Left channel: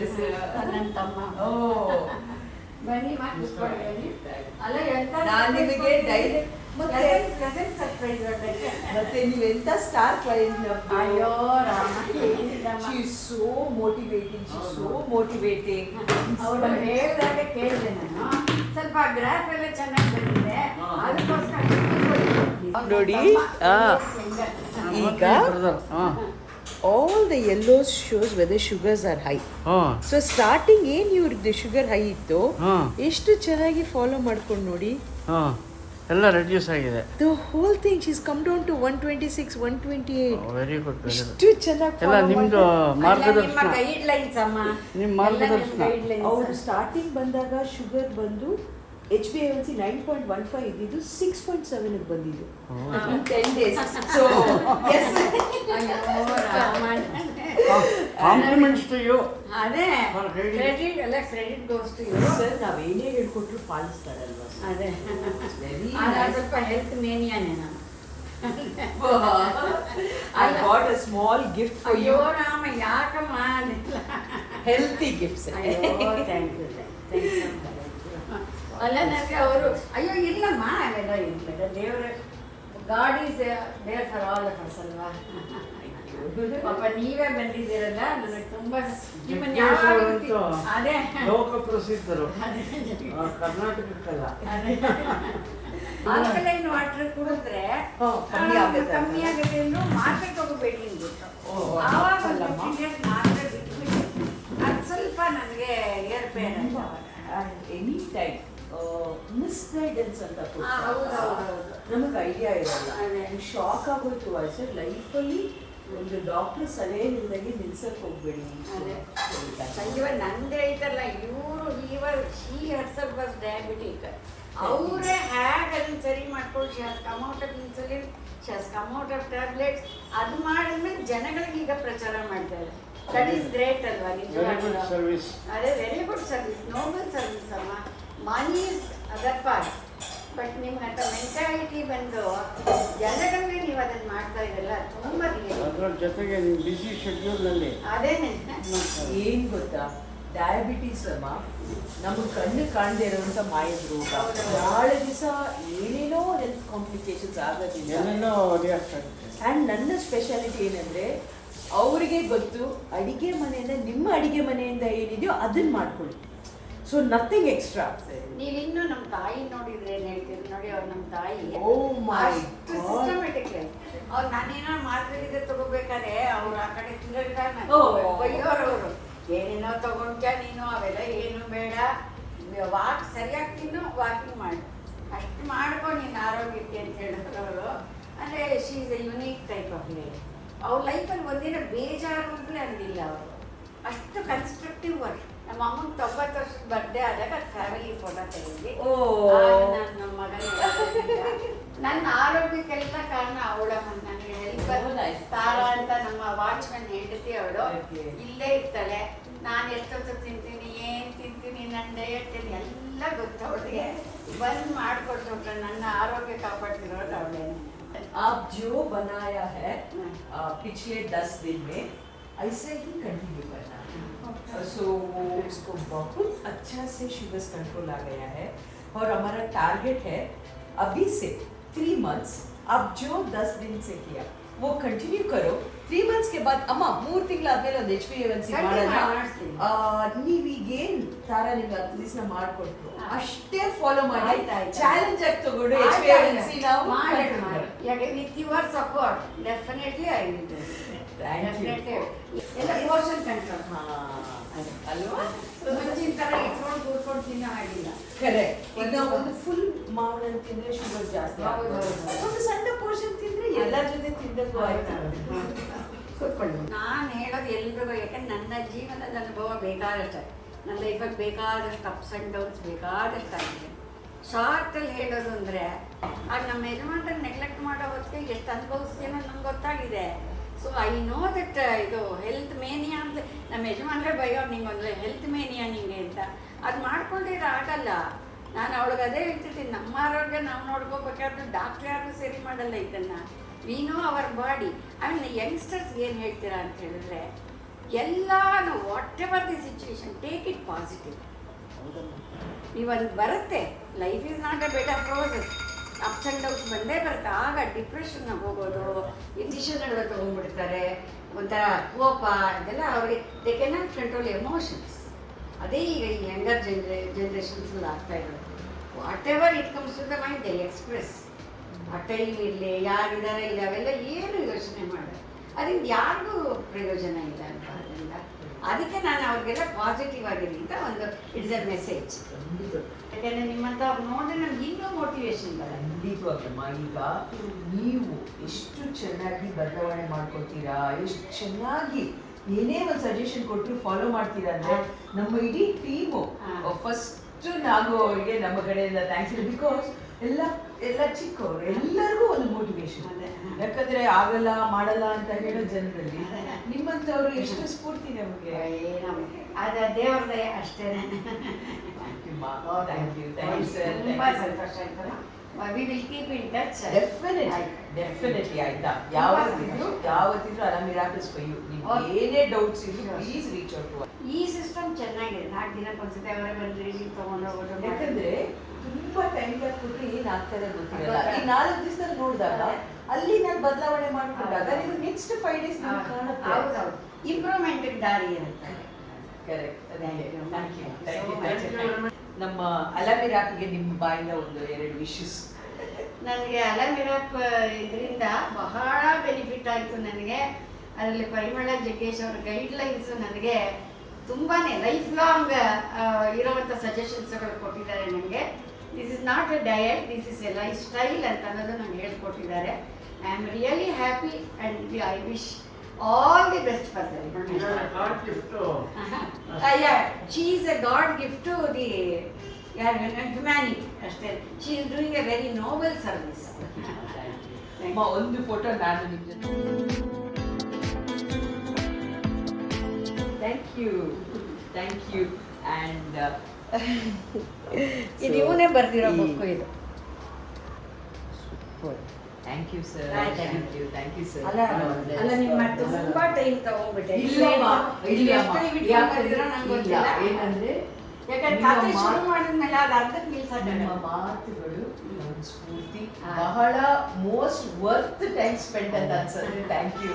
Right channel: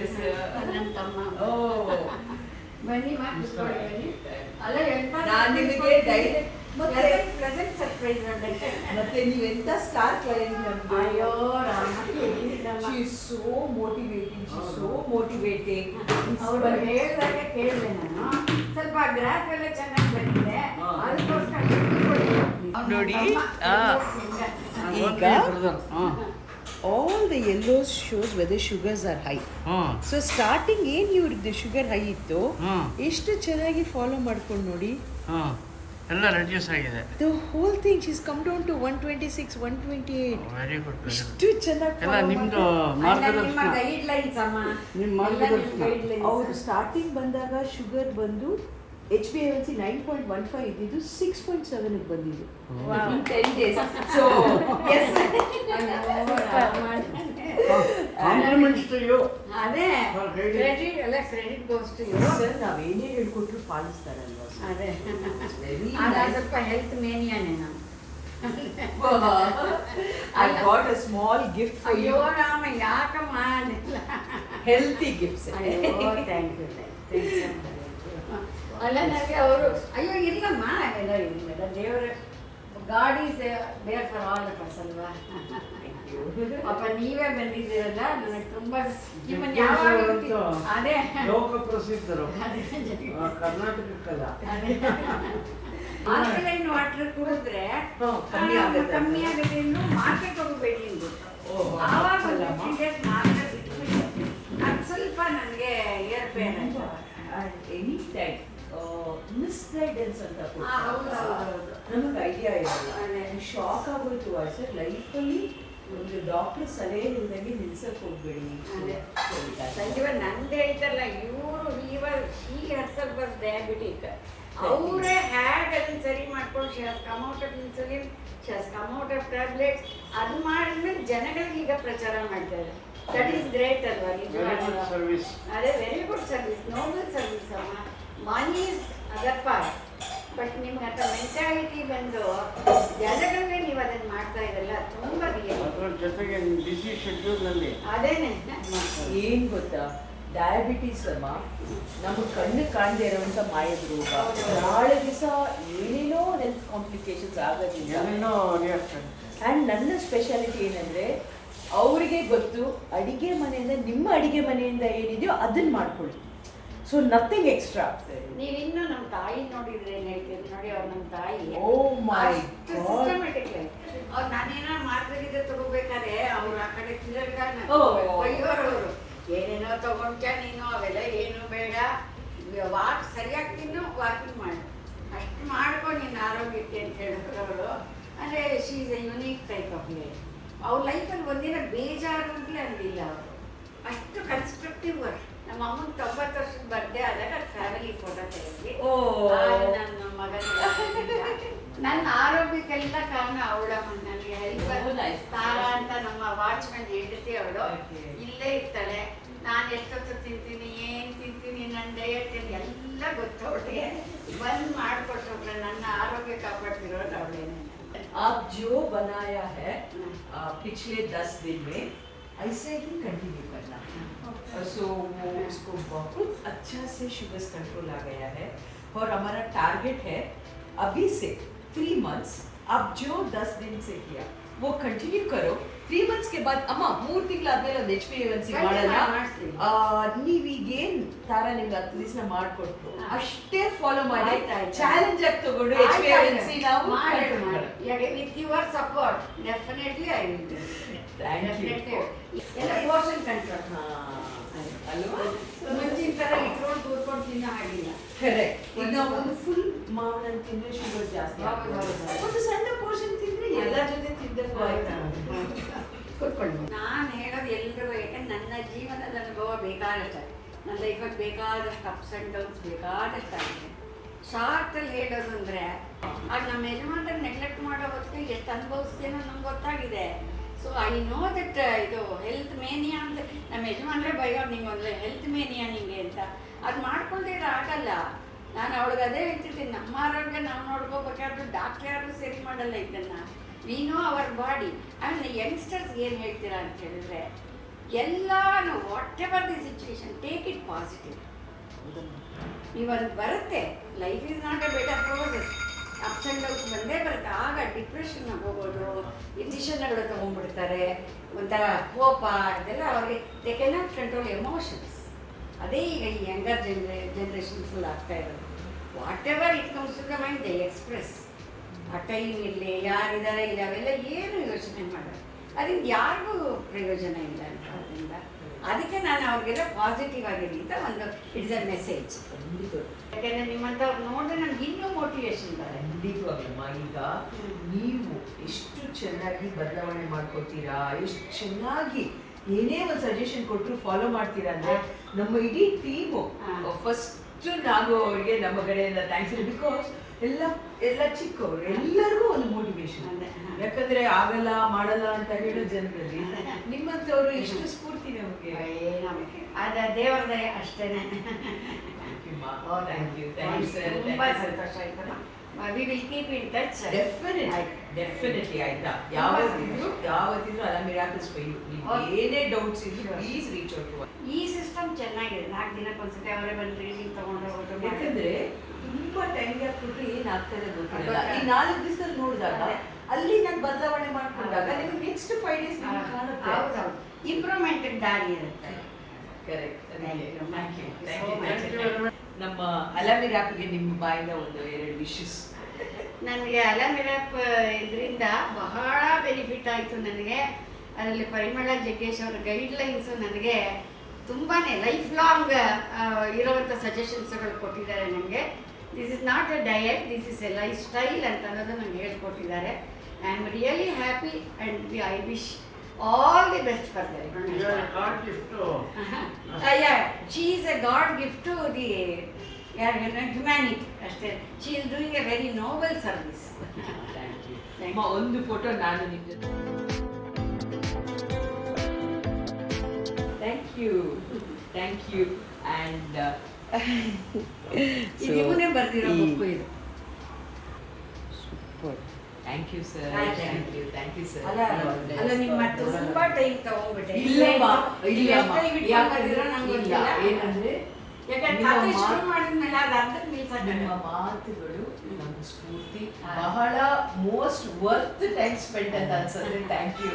This? ನನ್ನ ತಮ್ಮ. ಓ ಬನ್ನಿ ಬನ್ನಿ. ಅಲ್ಲ ಎಂತ ನಾನು ನಿಮಗೆ ಡೈರೆಕ್ಟ್ ಪ್ರೆಸೆಂಟ್ ಸರ್ಪ್ರೈಸ್ ಮತ್ತೆ ನೀವೆಂತ ಸ್ಟಾರ್ ಕ್ಲೈಂಟ್ ನಮ್ದು. ಅಯ್ಯೋ Rama, she is so motivating, she is so motivating. ಅವರು ಹೇಳಿದಾಗ ಕೇಳಿದೆ ನಾನು. ಸ್ವಲ್ಪ ಗ್ರಾಫ್ ಎಲ್ಲ ಚೆನ್ನಾಗಿ ಬಂದಿದೆ, ಅದಕ್ಕೋಸ್ಕರ ನೋಡಿ ಈಗ all the yellows shows whether sugars are high. So starting ಏನು ಇವ್ರದ್ದು ಶುಗರ್ ಹೈ ಇತ್ತು, ಎಷ್ಟು ಚೆನ್ನಾಗಿ ಫಾಲೋ ಮಾಡ್ಕೊಂಡು ನೋಡಿ ಎಲ್ಲ ರೆಡ್ಯೂಸ್ ಆಗಿದೆ. The whole thing she's come down to 126, 128. Very good. ಎಷ್ಟು ಚೆನ್ನಾಗಿ ಎಲ್ಲ ನಿಮ್ದು ನಿಮ್ಮ ಮಾರ್ಗದರ್ಶನ. ಗೈಡ್ಲೈನ್ಸ್ ಅಮ್ಮ, ನಿಮ್ಮ ಮಾರ್ಗದರ್ಶನ. ಅವರು ಸ್ಟಾರ್ಟಿಂಗ್ ಬಂದಾಗ ಶುಗರ್ ಬಂದು HbA1c 9.15 ಇದ್ದಿದ್ದು 6.7 ಬಂದಿದೆ in 10 days. So yes, compliments to you. ಅದೇ ಕ್ರೆಡಿಟ್ ಎಲ್ಲ credit goes to you. Sir ನಾವೇನೇ ಹೇಳ್ಕೊಟ್ರು ಪಾಲಿಸ್ತಾರಲ್ವಾ? ಅದೇ ಸ್ವಲ್ಪ ಹೆಲ್ತ್ ಮೇನಿಯಾನೇ ನಾನು. I got a small gift for you. ಅಯ್ಯೋ ರಾಮ, ಯಾಕಮ್ಮ ಅದೆಲ್ಲ Healthy gifts. ಅಯ್ಯೋ ಥ್ಯಾಂಕ್ ಯು. ಅಲ್ಲ ನನಗೆ ಅವರು ಅಯ್ಯೋ ಇಲ್ಲಮ್ಮ ಅವೆಲ್ಲ ಇಲ್ಲ, ದೇವರ God is there for all of us ಅಲ್ವಾ. ಪಾಪ ನೀವೇ ಬಂದಿದ್ದೀರಲ್ಲ, ನನಗೆ ತುಂಬ ನಿಮ್ಮನ್ನು ಯಾವ ಅದೇ ಲೋಕ ಪ್ರಸಿದ್ಧರು ಕರ್ನಾಟಕಕ್ಕಲ್ಲ. ಆಲ್ಕಲೈನ್ ವಾಟರ್ ಕುಡಿದ್ರೆ ಕಮ್ಮಿ ಆಗುತ್ತೆ, ಇನ್ನು ಮಾತ್ರೆ ತಗೋಬೇಡಿ ಅಂದ್ಬಿಟ್ಟು ಆವಾಗ ಮಾತ್ರೆ ಬಿಟ್ಬಿಟ್ಟು ಅದು ಸ್ವಲ್ಪ ನನಗೆ ಏರ್ಪೇರ್ ಅಂತ. ಎನಿ ಟೈಮ್ ಮಿಸ್ಗೈಡೆನ್ಸ್ ಅಂತ ಹೌದೌದು, ನಮಗೆ ಐಡಿಯಾ ಇರಲ್ಲ. ಅದೇ ಶಾಕ್ ಆಗೋಯ್ತು ಸರ್. ಲೈಫಲ್ಲಿ ಒಂದು ಡಾಕ್ಟರ್ ಸಲಹೆ ಇಲ್ದಂಗೆ ನಿಲ್ಸಕ್ಕೆ ಹೋಗ್ಬೇಡಿ. ಇವಾಗ ನಂದು ಹೇಳ್ತಾರಲ್ಲ ಇವರು ಶಿ ಹರ್ಸಲ್ ಬಸ್ ಡಯಾಬಿಟಿಕ್, ಅವರೇ ಹ್ಯಾಗ್ ಅದನ್ನು ಸರಿ ಮಾಡ್ಕೊಂಡು she has come out of insulin, she has come out of tablets. ಅದು ಮಾಡಿದ್ಮೇಲೆ ಜನಗಳಿಗೆ ಈಗ ಪ್ರಚಾರ ಮಾಡ್ತಾರೆ. ದಟ್ ಈಸ್ ಗ್ರೇಟ್ ಅಲ್ವಾ ನಿಜವಾಗ್ಲೂ. ಅದೇ very good service, noble service ಅಮ್ಮ. Money is other part, but ನಿಮ್ಗೆ ಅಂತ ಮೆಂಟಾಲಿಟಿ ಬಂದು ಜನಗಳಿಗೆ ನೀವು ಅದನ್ನು ಮಾಡ್ತಾ ಇದ್ದಲ್ಲ, ತುಂಬ ಅದರ ಜೊತೆಗೆ ನಿಮ್ಮ ಬಿಸಿ ಶೆಡ್ಯೂಲ್ನಲ್ಲಿ ಅದೇನೆ ಏನು ಗೊತ್ತಾ, ಡಯಾಬಿಟೀಸ್ ಅಮ್ಮ ನಮಗೆ ಕಣ್ಣು ಕಾಣದೇ ಇರುವಂಥ ಮಾಯದ ರೋಗ. ನಾಳೆ ದಿವಸ ಏನೇನೋ ಹೆಲ್ತ್ ಕಾಂಪ್ಲಿಕೇಶನ್ಸ್ ಆಗೋದಿಲ್ಲ. ಆ್ಯಂಡ್ ನನ್ನ ಸ್ಪೆಷಾಲಿಟಿ ಏನಂದರೆ ಅವರಿಗೆ ಗೊತ್ತು ಅಡಿಗೆ ಮನೆಯಿಂದ, ನಿಮ್ಮ ಅಡಿಗೆ ಮನೆಯಿಂದ ಏನಿದೆಯೋ ಅದನ್ನು ಮಾಡ್ಕೊಳ್ಳಿ. So nothing extra. ನೀವು ಇನ್ನೂ ನಮ್ಮ ತಾಯಿ ನೋಡಿದ್ರೆ ಏನು ಹೇಳ್ತೀರಿ ನೋಡಿ, ಅವ್ರು ನಮ್ಮ ತಾಯಿ ಸಿಸ್ಟಮೆಟಿಕ್. ಅವ್ರು ನಾನೇನೋ ಮಾತ್ರೆಗಿದ್ರೆ ತಗೋಬೇಕಾದ್ರೆ ಅವ್ರು ಆ ಕಡೆ ಬೈಯೋರವರು, ಏನೇನೋ ತಗೊಂಡ್ಯಾ ನೀನು, ಅವೆಲ್ಲ ಏನು ಬೇಡ, ವಾಕ್ ಸರಿಯಾಗಿ ತಿನ್ನು, ವಾಕಿಂಗ್ ಮಾಡು, ಅಷ್ಟು ಮಾಡ್ಕೊಂಡು ನಿನ್ನ ಆರೋಗ್ಯಕ್ಕೆ ಅಂತ ಹೇಳಿದ್ರು ಅವರು. ಅಂದರೆ she is A unique type of life. ಅವ್ರ ಲೈಫಲ್ಲಿ ಒಂದಿನ ಬೇಜಾರು ಅಂತಲೇ ಅಂದಿಲ್ಲ ಅವರು, ಅಷ್ಟು ಕನ್ಸ್ಟ್ರಕ್ಟಿವ್ ವರ್ಕ್. ನಮ್ಮ ಅಮ್ಮನ 90 ವರ್ಷದ ಬರ್ಡೇ ಆದಾಗ ಫ್ಯಾಮಿಲಿ ಫೋಟೋ ತೆಗೆದ್ವಿ. ನನ್ನ ಮಗನ ನನ್ನ ಆರೋಗ್ಯಕ್ಕೆಲ್ಲ ಕಾರಣ ಅವಳಮ್ಮ. ನನಗೆ ಹೆಲ್ಪ್ ತಾರಾ ಅಂತ ನಮ್ಮ ವಾಚ್ಮ್ಯಾನ್ ಹೆಂಡತಿ ಅವಳು ಇಲ್ಲೇ ಇರ್ತಾಳೆ. ನಾನು ಎಷ್ಟೊತ್ತು ತಿಂತೀನಿ, ಏನು ತಿಂತೀನಿ, ನನ್ನ ಡಯಟ್ ಎಲ್ಲ ಗೊತ್ತು ಅವಳಿಗೆ. ಬಂದು ಮಾಡಿಕೊಟ್ಟು ನನ್ನ ಆರೋಗ್ಯ ಕಾಪಾಡ್ತಿರೋದು ಅವಳೇನೆ. आप जो बनाया है पिछले 10 दिन में ऐसे ही कंटिन्यू करना. सो उसको बहुत अच्छा से शुगर कंट्रोल आ गया है. और हमारा टारगेट है अभी से 3 months आप जो 10 दिन से किया वो कंटिन्यू करो. 3 months के बाद ಅಮ್ಮ 3 ತಿಂಗಳಾದ್ಮೇಲೆ ಒಂದು HbA1c ಮಾಡೋಣ. ನೀವೀಗೇನು ತಾರಾ ನಿಮ್ಗೆ 10 ದಿವಸ ಮಾಡಿಕೊಟ್ರು ಅಷ್ಟೇ ಫಾಲೋ ಮಾಡಿ, ಚಾಲೆಂಜ್ ಆಗಿ ತಗೊಂಡು HbA1c ನಾವು with your support definitely I will do. Thank you. ಎಲ್ಲ ಪೋರ್ಷನ್ ಕಂಟ್ರೋಲ್ ಅಲ್ವಾ, ಮುಂಚಿನ ಥರ ಇಟ್ಕೊಂಡು ಕೂತ್ಕೊಂಡು ತಿನ್ನೋ ಹಾಗಿಲ್ಲ. ಕರೆಕ್ಟ್. ಈಗ ಒಂದು ಫುಲ್ ಮಾವಿನ ತಿಂದ್ರೆ ಶುಗರ್ ಜಾಸ್ತಿ, ಒಂದು ಸಣ್ಣ ಪೋರ್ಷನ್ ತಿಂದ್ರೆ ಎಲ್ಲರ ಜೊತೆ ತಿಂದದ್ದು ಆಯ್ತು. ಕೂತ್ಕೊಂಡು ನಾನು ಹೇಳೋದು ಎಲ್ರಿಗೂ, ಯಾಕಂದ್ರೆ ನನ್ನ ಜೀವನದ ಅನುಭವ ಬೇಕಾದಷ್ಟು, ನನ್ನ ಲೈಫಲ್ಲಿ ಬೇಕಾದಷ್ಟು ಅಪ್ಸ್ ಆ್ಯಂಡ್ ಡೌನ್ಸ್ ಬೇಕಾದಷ್ಟು ಆಗಿದೆ. ಶಾರ್ಟಲ್ಲಿ ಹೇಳೋದು ಅಂದರೆ ಆಗ ನಮ್ಮ ಯಜಮಾನ್ರನ್ನ ನೆಗ್ಲೆಕ್ಟ್ ಮಾಡೋ ಹೊತ್ತಿಗೆ ಎಷ್ಟು ಅನುಭವಿಸ್ತೀನೋ ನಮ್ಗೆ ಗೊತ್ತಾಗಿದೆ. ಸೊ ಐ ನೋ ದಟ್ ಇದು ಹೆಲ್ತ್ ಮೇನಿಯಾ ಅಂತ ನಮ್ಮ ಯಜಮಾನ್ರೆ ಬೈಯೋ, ನಿಂಗೊಂದು ಹೆಲ್ತ್ ಮೇನಿಯಾ ನಿಂಗೆ ಅಂತ. ಅದು ಮಾಡ್ಕೊಂಡಿರೋ ಆಗಲ್ಲ. ನಾನು ಅವಳಿಗೆ ಅದೇ ಹೇಳ್ತಿರ್ತೀನಿ, ನಮ್ಮ ಆರೋಗ್ಯ ನಾವು ನೋಡ್ಕೋಬೇಕಾದ್ರೂ ಡಾಕ್ಟ್ರ್ ಯಾರು ಸರಿ ಮಾಡಲ್ಲ ಇದನ್ನು. We know our body. ಆಮೇಲೆ ಯಂಗ್ಸ್ಟರ್ಸ್ಗೆ ಏನು ಹೇಳ್ತೀರಾ ಅಂತ ಹೇಳಿದ್ರೆ, ಎಲ್ಲಾನು what ever the situation take it positive. ನೀವೊಂದು ಬರುತ್ತೆ, life is not A better process, ups and downs ಬಂದೇ ಬರುತ್ತೆ. ಆಗ ಡಿಪ್ರೆಷನ್ಗೆ ಹೋಗೋದು, ಡಿಸಿಷನ್ಗಳು ತೊಗೊಂಡ್ಬಿಡ್ತಾರೆ, ಒಂಥರ ಕೋಪ ಅದೆಲ್ಲ ಅವ್ರಿಗೆ they can not control emotions. ಅದೇ ಈಗ ಈ ಯಂಗರ್ ಜನ್ರೇಷನ್ಸಲ್ಲಿ ಆಗ್ತಾ ಇರೋದು. Whatever it comes to the mind they express. ಆ ಟೈಮ್ ಇರಲಿ, ಯಾರಿದ್ದಾರೆ ಇಲ್ಲ, ಅವೆಲ್ಲ ಏನು ಯೋಚನೆ ಮಾಡೋದು, ಅದರಿಂದ ಯಾರಿಗೂ ಪ್ರಯೋಜನ ಇಲ್ಲ ಅಂತ. ಅದರಿಂದ ಅದಕ್ಕೆ ನಾನು ಅವ್ರಿಗೆಲ್ಲ ಪಾಸಿಟಿವ್ ಆಗಿರಲಿ ಅಂತ ಒಂದು ಇಟ್ಸ್ ಅ ಮೆಸೇಜ್. ಯಾಕೆಂದರೆ ನಿಮ್ಮಂಥವ್ರು ನೋಡಿದ್ರೆ ನಮ್ಗೆ ಇನ್ನೂ ಮೋಟಿವೇಶನ್ ಬರುತ್ತೆ. ಖಂಡಿತವಾಗ್ಲಮ್ಮ. ಈಗ ನೀವು ಎಷ್ಟು ಚೆನ್ನಾಗಿ ಬದಲಾವಣೆ ಮಾಡ್ಕೊತೀರಾ, ಎಷ್ಟು ಚೆನ್ನಾಗಿ ಏನೇ ಒಂದು ಸಜೆಷನ್ ಕೊಟ್ಟರು ಫಾಲೋ ಮಾಡ್ತೀರಾ ಅಂದ್ರೆ ನಮ್ಮ ಇಡೀ ಟೀಮು ಫಸ್ಟ್ ನಾವು ಅವರಿಗೆ ನಮ್ಮ ಕಡೆಯಿಂದ ಥ್ಯಾಂಕ್ಸ್ ಇದೆ. ಬಿಕಾಸ್ ಎಲ್ಲ ಚಿಕ್ಕವರು ಎಲ್ಲರಿಗೂ ಒಂದು ಮೋಟಿವೇಶನ್. ಯಾಕಂದ್ರೆ ಆಗಲ್ಲ ಮಾಡಲ್ಲ ಅಂತ ಹೇಳೋ ಜನರಲ್ಲಿ ನಿಮ್ಮಂಥವ್ರು ಎಷ್ಟು ಸ್ಫೂರ್ತಿ ನಮಗೆ. ಅದ ದೇವರದೇ ಅಷ್ಟೇನೆ. ತುಂಬಾ ಸಂತೋಷ ಆಯ್ತಲ್ಲ. We will keep in touch. Definitely ಆಯ್ತಾ. ಯಾವತ್ತಿದ್ರು ಅಲ್ಲ ಮಿರಾಕಲ್ಸ್ ಫಾರ್ ಯು. ಏನೇ ಡೌಟ್ಸ್ ಇದ್ರು ಪ್ಲೀಸ್ ರೀಚ್ ಔಟ್ ಟು. ಈ ಸಿಸ್ಟಮ್ ಚೆನ್ನಾಗಿದೆ. 4 ದಿನಕ್ಕೊಂದ್ಸತಿ ಅವರೇ ಬಂದು ರೀಡಿಂಗ್ ತಗೊಂಡು ಹೋಗೋದು. ಯಾಕಂದ್ರೆ ತುಂಬಾ ಟೈಮ್ ಗ್ಯಾಪ್ ಕೊಟ್ಟರೆ ಏನಾಗ್ತದೆ ಗೊತ್ತಿಲ್ಲ. ಈ 4 ದಿವಸದಲ್ಲಿ ನೋಡಿದಾಗ ಅಲ್ಲಿ ನಾನು ಬದಲಾವಣೆ ಮಾಡ್ಕೊಂಡಾಗ ನಿಮ್ಗೆ ನೆಕ್ಸ್ಟ್ 5 days ಕಾಣುತ್ತೆ. ಹೌದೌದು, ಇಂಪ್ರೂವ್ಮೆಂಟ್ ದಾರಿ ಇರುತ್ತೆ. ನಮ್ಮ ಅಲಮಿರಾಪ್ಗೆ ನಿಮ್ಮ ಬಾಯಿಂದ ಒಂದು 2 ವಿಶಸ್. ನನಗೆ ಅಲಮಿರಾಪ್ ಇದರಿಂದ ಬಹಳ ಬೆನಿಫಿಟ್ ಆಯಿತು ನನಗೆ. ಅದರಲ್ಲಿ ಪರಿಮಳ ಜಗ್ಗೇಶ್ ಅವರ ಗೈಡ್ಲೈನ್ಸು ನನಗೆ ತುಂಬಾ ಲೈಫ್ ಲಾಂಗ್ ಇರೋವಂಥ ಸಜೆಷನ್ಸ್ಗಳು ಕೊಟ್ಟಿದ್ದಾರೆ ನನಗೆ. This is not A diet, this is A life style ಅಂತ ಅನ್ನೋದು ನಂಗೆ ಹೇಳ್ಕೊಟ್ಟಿದ್ದಾರೆ. I am really happy and I wish all the best for them. God gift to Yeah, she is a God gift to the humanity. ಅಷ್ಟೇ. She is doing a very noble service. ಅಮ್ಮ ಒಂದು photo ನಾನು ನಿಮ್ಮ ಜೊತೆ. Thank you and ಇದು ಇವನೇ ಬರ್ದಿರೋ book ಇದು. Thank you sir. Thank you sir. ಅಲ್ಲ ನಿಮ್ಮ ತುಂಬಾ ಟೈಮ್ ತಗೊಂಡ್ಬಿಟ್ಟೆ. ಏನಂದ್ರೆ ಯಾಕಂದ್ರೆ ಶುರು ಮಾಡಿದ್ಮೇಲೆ ಅದು ಅರ್ಧಕ್ಕೆ ನಿಲ್ಸಕ್ಕೆ ನಿಮ್ಮ ಮಾತುಗಳು ಒಂದು ಸ್ಫೂರ್ತಿ, ಬಹಳ ಮೋಸ್ಟ್ ವರ್ತ್ ಟೈಮ್ ಸ್ಪೆಂಡ್ ಅಂತ ಅನ್ಸುತ್ತೆ. Thank you.